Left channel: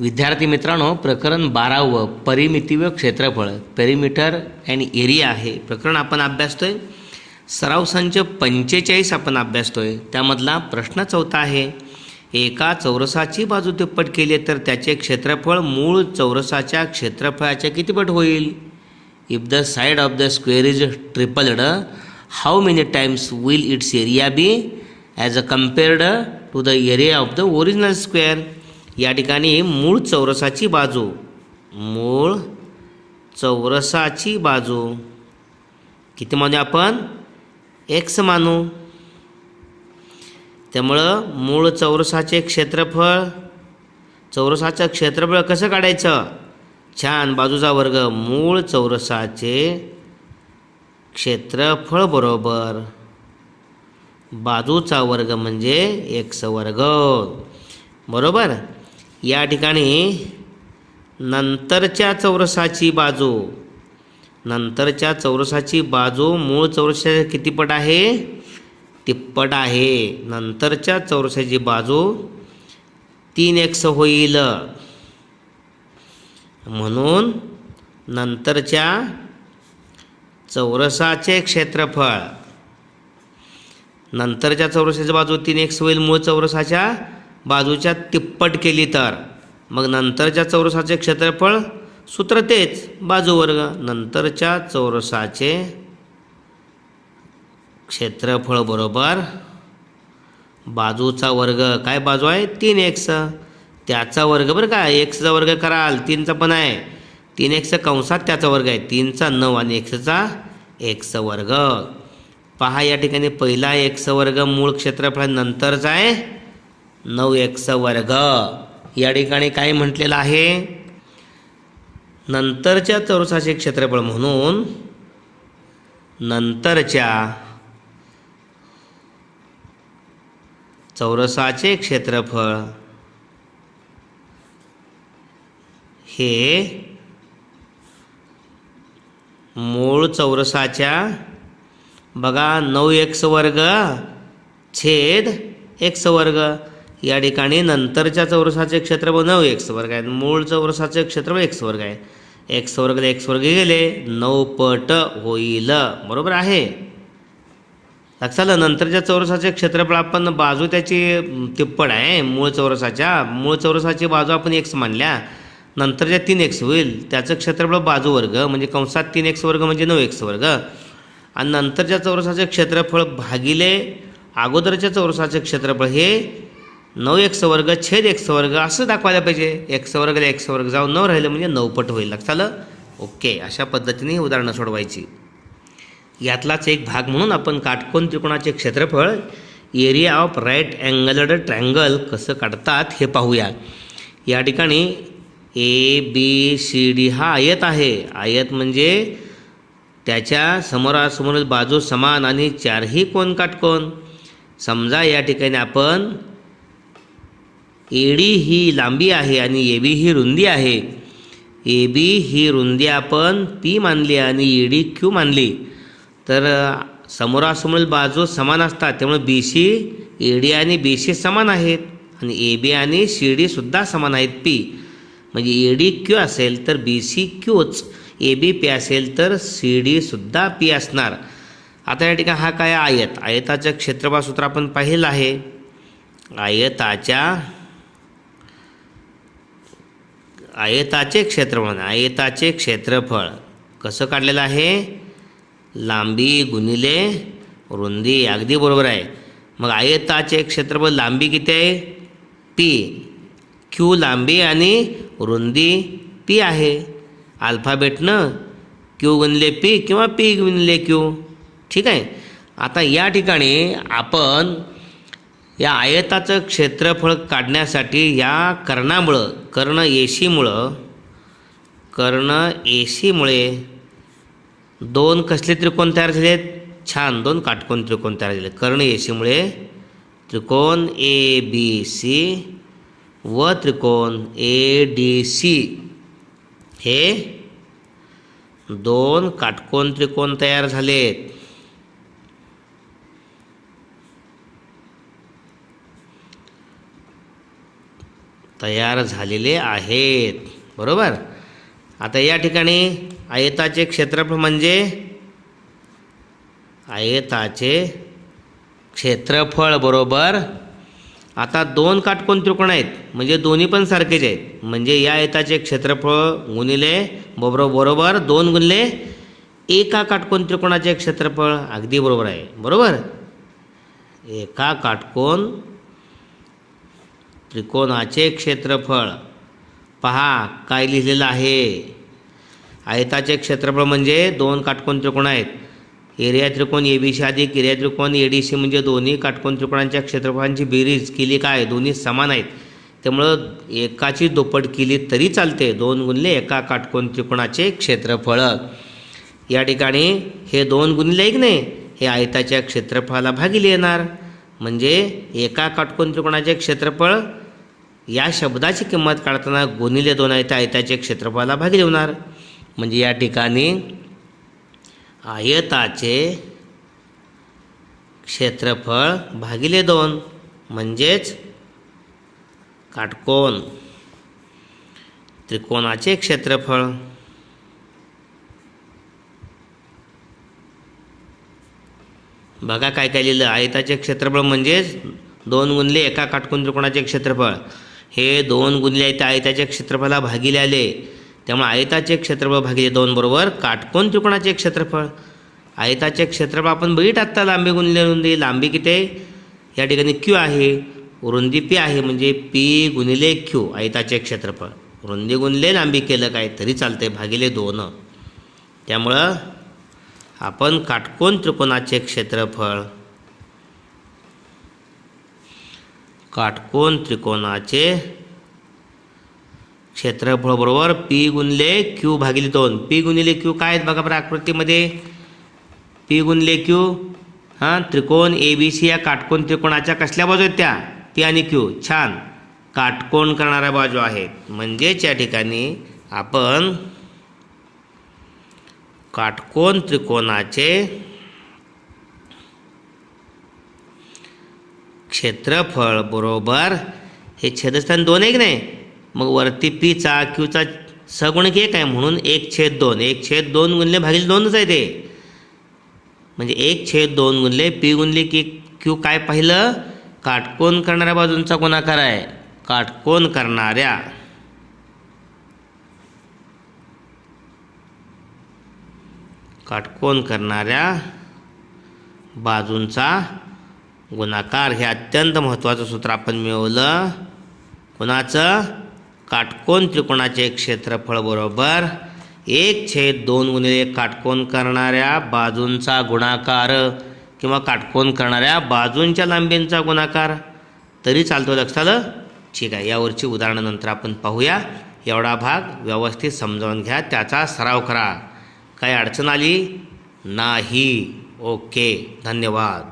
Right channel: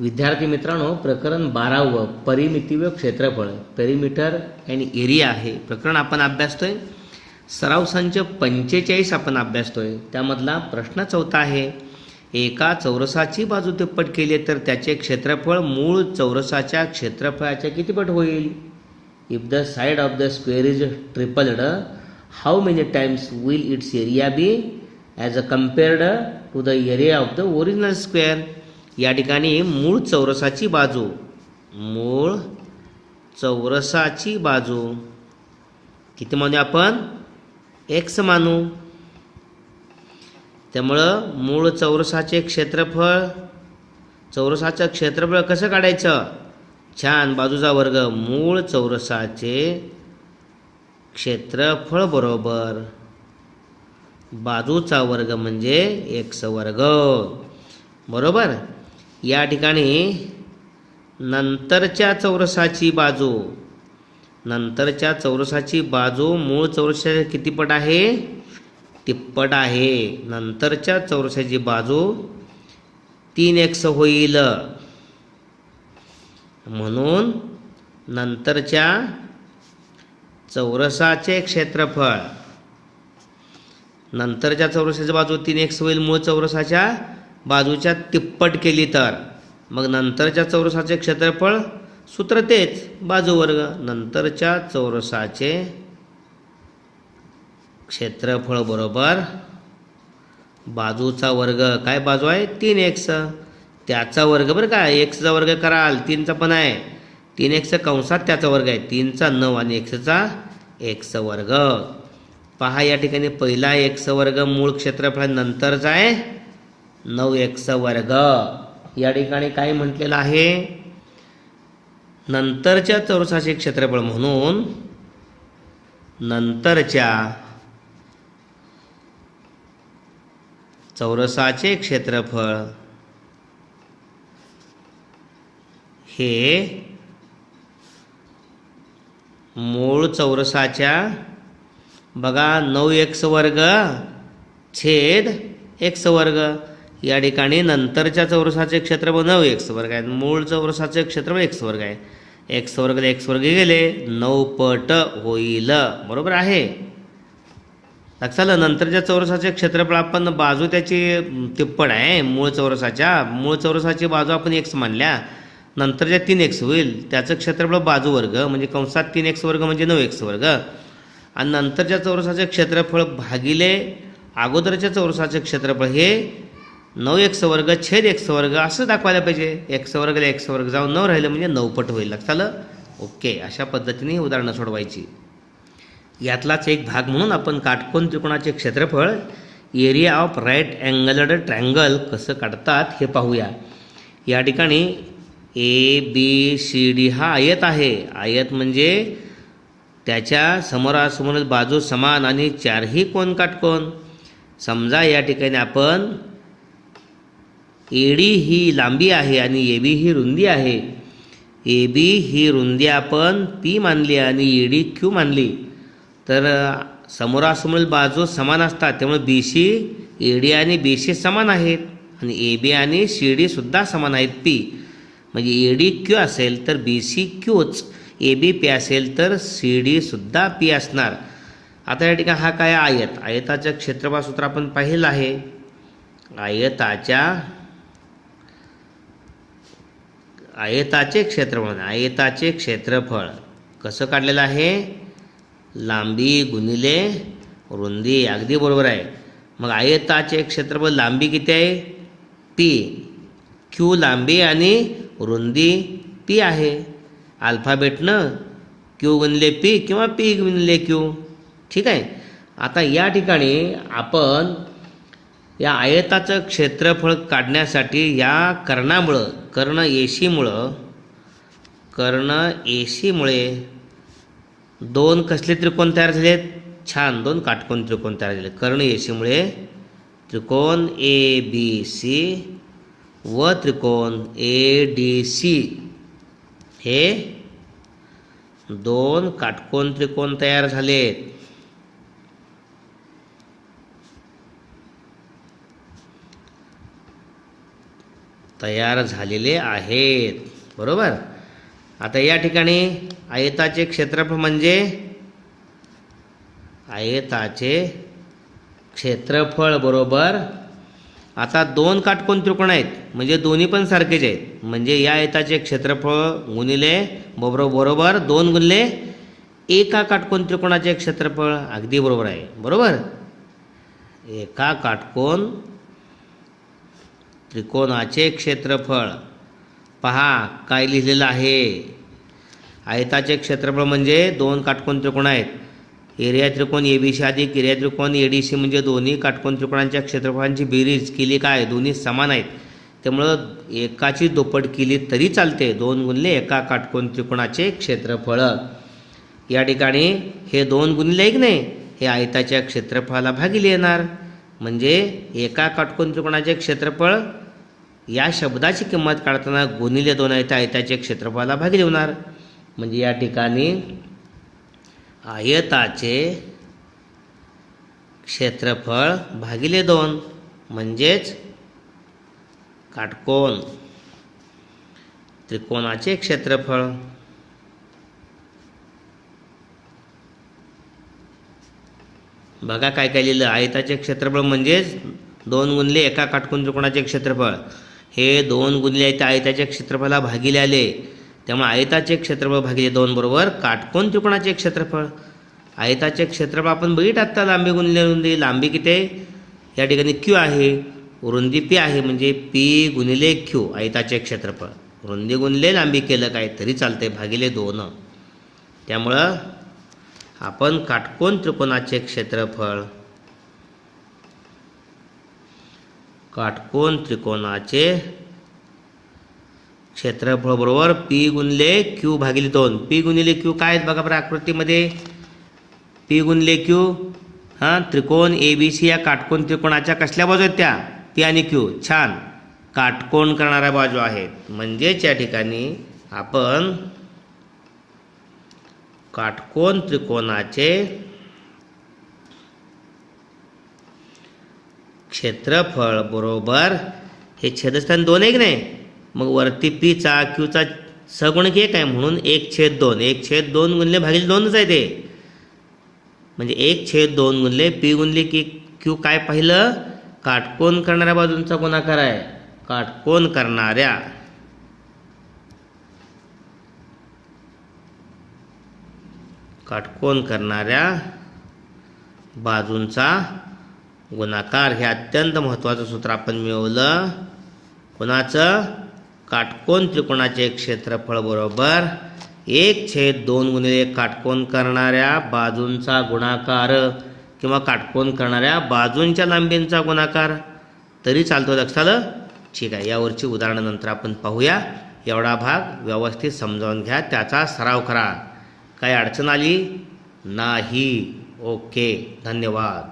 विद्यार्थी मित्रांनो, प्रकरण 12 परिमिती व क्षेत्रफळ पेरिमीटर अँड एरिया आहे प्रकरण आपण अभ्यासतोय. सराव संच 45 आपण अभ्यासतोय. त्यामधला प्रश्न 4 आहे. एका चौरसाची बाजू तिप्पट केली तर त्याचे क्षेत्रफळ मूळ चौरसाच्या क्षेत्रफळाच्या किती पट होईल? If the side of the square is tripled, how many times will its area be as a compared to the area of the original square. या ठिकाणी मूळ चौरसाची बाजू किती मानू आपण? x मानू. त्यामुळं मूळ चौरसाचे क्षेत्रफळ, चौरसाचं क्षेत्रफळ कसं काढायचं? छान, बाजूचा वर्ग. मूळ चौरसाचे क्षेत्रफळ बरोबर बाजूचा वर्ग म्हणजे x वर्ग. बरोबर. या ठिकाणी नंतरच्या चौरसाची बाजू मूळ चौरसाच्या किती पट आहे? तिप्पट आहे. नंतरच्या चौरसाची बाजू 3x होईल. म्हणून नंतरच्या चौरसाचे क्षेत्रफळ, नंतरच्या चौरसाची बाजू 3x होईल मूळ चौरसाच्या बाजूच्या तिप्पट केली तर. मग नंतरच्या चौरसाचे क्षेत्रफळ सूत्र तेच, बाजू वर्ग. नंतरच्या चौरसाचे क्षेत्रफळ बरोबर बाजूचा वर्ग. काय बाजू आहे? 3x. त्याचा वर्ग बरं का, xचा वर्ग कराल, 3चा पण आहे. 3x कंसात त्याचा वर्ग आहे, 3चा 9 आणि xचा x वर्ग. पहा या ठिकाणी पहिला x वर्ग मूळ क्षेत्रफळ, नंतरचा आहे 9x वर्ग. या ठिकाणी काय म्हटलेलं आहे? नंतरच्या चौरसाचे क्षेत्रफळ. म्हणून नंतरच्या चौरसाचे क्षेत्रफळ हे मूळ चौरसाच्या बघा 9x वर्ग छेद x वर्ग. या ठिकाणी नंतरच्या चौरसाचे क्षेत्रफळ 9x वर्ग आहे, मूळ चौरसाचे क्षेत्रफळ x वर्ग आहे. x वर्ग गेले, 9 पट होईल. बरोबर आहे. लक्षात आलं. नंतरच्या चौरसाचे क्षेत्रफळ आपण बाजू त्याची तिप्पट आहे मूळ चौरसाची बाजू आपण x मानल्या, नंतरच्या 3x होईल. त्याचं क्षेत्रफळ बाजू वर्ग म्हणजे कंसात 3x वर्ग म्हणजे 9x वर्ग. आणि नंतरच्या चौरसाचे क्षेत्रफळ भागिले अगोदरच्या चौरसाचे क्षेत्रफळ हे 9x वर्ग छेद x वर्ग असं दाखवायला पाहिजे. x वर्ग जाऊन 9 राहिलं म्हणजे 9 पट होईल. लक्षात आलं? ओके. अशा पद्धतीने उदाहरणं सोडवायची. यातलाच एक भाग म्हणून आपण काटकोन त्रिकोणाचे क्षेत्रफळ एरिया ऑफ राईट अँगलड ट्रँगल कसं काढतात हे पाहूया. या ठिकाणी ABCD हा आयत आहे. आयत म्हणजे त्याच्या समोरासमोर बाजू समान आणि चारही कोन काटकोन. समजा या ठिकाणी आपण AD ही लांबी आहे आणि AB ही रुंदी आहे. AB ही रुंदी आपण P मानली आणि AD Q मानली. तर समोरासमोर बाजू समान असतात, त्यामुळे BC AD आणि BC समान आहेत आणि AB आणि CD सुद्धा समान आहेत P. म्हणजे AD Q असेल तर BC Qच, AB P असेल तर CD सुद्धा P असणार. आता या ठिकाणी हा काय आयत, आयताचं क्षेत्रफळ सूत्र आपण पाहिलं आहे. आयताचे क्षेत्रफळ कसं काढलेलं आहे? लांबी गुणिले रुंदी. अगदी बरोबर आहे. मग आयताचे क्षेत्रफळ लांबी किती आहे? P. Q लांबी आणि रुंदी P आहे. अल्फाबेटनं Q गुणिले P किंवा P गुणिले Q. ठीक आहे. आता या ठिकाणी आपण या आयताचं क्षेत्रफळ काढण्यासाठी या कर्ण AC मुळे दोन कसले त्रिकोण तयार झालेत? छान, 2 काटकोन त्रिकोण तयार झाले. कर्ण AC मुळे त्रिकोण ABC व त्रिकोण ADC हे 2 काटकोन त्रिकोण तयार झालेत. तयार झालेले आहेत. बरोबर. आता या ठिकाणी आयताचे क्षेत्रफळ म्हणजे आयताचे क्षेत्रफळ बरोबर. आता दोन काटकोन त्रिकोण आहेत म्हणजे दोन्ही पण सारखेच आहेत, म्हणजे या आयताचे क्षेत्रफळ गुणिले बरोबर 2 गुणिले एका काटकोन त्रिकोणाचे क्षेत्रफळ. अगदी बरोबर आहे. बरोबर. एका काटकोन त्रिकोणाचे क्षेत्रफळ. पहा काय लिहिलेलं आहे. आयताचे क्षेत्रफळ म्हणजे दोन काटकोन त्रिकोण आहेत. एरिया त्रिकोण एबीसी अधिक एरिया त्रिकोण एडीसी म्हणजे दोन्ही काटकोन त्रिकोणांच्या क्षेत्रफळांची बेरीज केली काय, दोन्ही समान आहेत. त्यामुळं एकाची दुप्पट केली तरी चालते. 2 गुणिले एका काटकोन त्रिकोणाचे क्षेत्रफळ. या ठिकाणी हे 2 गुणिले 1 नाही, हे आयताच्या क्षेत्रफळाला भागिले येणार. म्हणजे एका काटकोन त्रिकोणाचे क्षेत्रफळ या शब्दाची किंमत काढताना गुणिले 2 आहे, आयताचे क्षेत्रफळाला भागिले होणार. म्हणजे या ठिकाणी आयताचे क्षेत्रफळ भागिले 2 म्हणजेच काटकोन त्रिकोणाचे क्षेत्रफळ. बघा काय काय लिहिलं. आयताचे क्षेत्रफळ म्हणजेच 2 गुणिले एका काटकोन त्रिकोणाचे क्षेत्रफळ. हे 2 गुणिले त्या आयताच्या क्षेत्रफळाला भागिले आले, त्यामुळे आयताचे क्षेत्रफळ भागिले 2 बरोबर काटकोन त्रिकोणाचे क्षेत्रफळ. आयताचे क्षेत्रफळ आपण बघितलं आत्ता, लांबी गुणिले रुंदी. लांबी किती आहे या ठिकाणी क्यू आहे, रुंदी पी आहे, म्हणजे पी गुणिले क्यू आयताचे क्षेत्रफळ. रुंदी गुणिले लांबी केलं काय तरी चालतंय, भागिले 2. त्यामुळं आपण काटकोन त्रिकोणाचे क्षेत्रफळ, काटकोन त्रिकोणाचे क्षेत्रफळ बरोबर पी गुणिले क्यू भागिले 2. पी गुणिले क्यू काय आहेत बघा बरं आकृतीमध्ये. पी गुणिले क्यू त्रिकोण ए बी सी या काटकोन त्रिकोणाच्या कसल्या बाजू आहेत त्या, पी आणि क्यू. छान, काटकोन करणाऱ्या बाजू आहेत. म्हणजेच या ठिकाणी आपण काटकोन त्रिकोणाचे क्षेत्रफळ बरोबर हे छेदस्थान 2 आहे की नाही, मग वरती पीचा क्यूचा सगुणक 1 आहे म्हणून 1/2. 1/2 गुणिले भागिले 2च आहे ते. म्हणजे 1/2 गुणिले पी गुणिले क्यू काय पाहिलं, काटकोन करणाऱ्या बाजूंचा गुणाकार आहे. काटकोन करणाऱ्या बाजूंचा गुणाकार. हे अत्यंत महत्त्वाचं सूत्र आपण मिळवलं. कोणाचं, काटकोन त्रिकोणाचे क्षेत्रफळ बरोबर 1/2 गुणिले काटकोन करणाऱ्या बाजूंचा गुणाकार किंवा काटकोन करणाऱ्या बाजूंच्या लांबींचा गुणाकार तरी चालतो. लक्षात आलं. ठीक आहे, यावरची उदाहरणं नंतर आपण पाहूया. एवढा भाग व्यवस्थित समजावून घ्या, त्याचा सराव करा. काही अडचण आली नाही. ओके, धन्यवाद.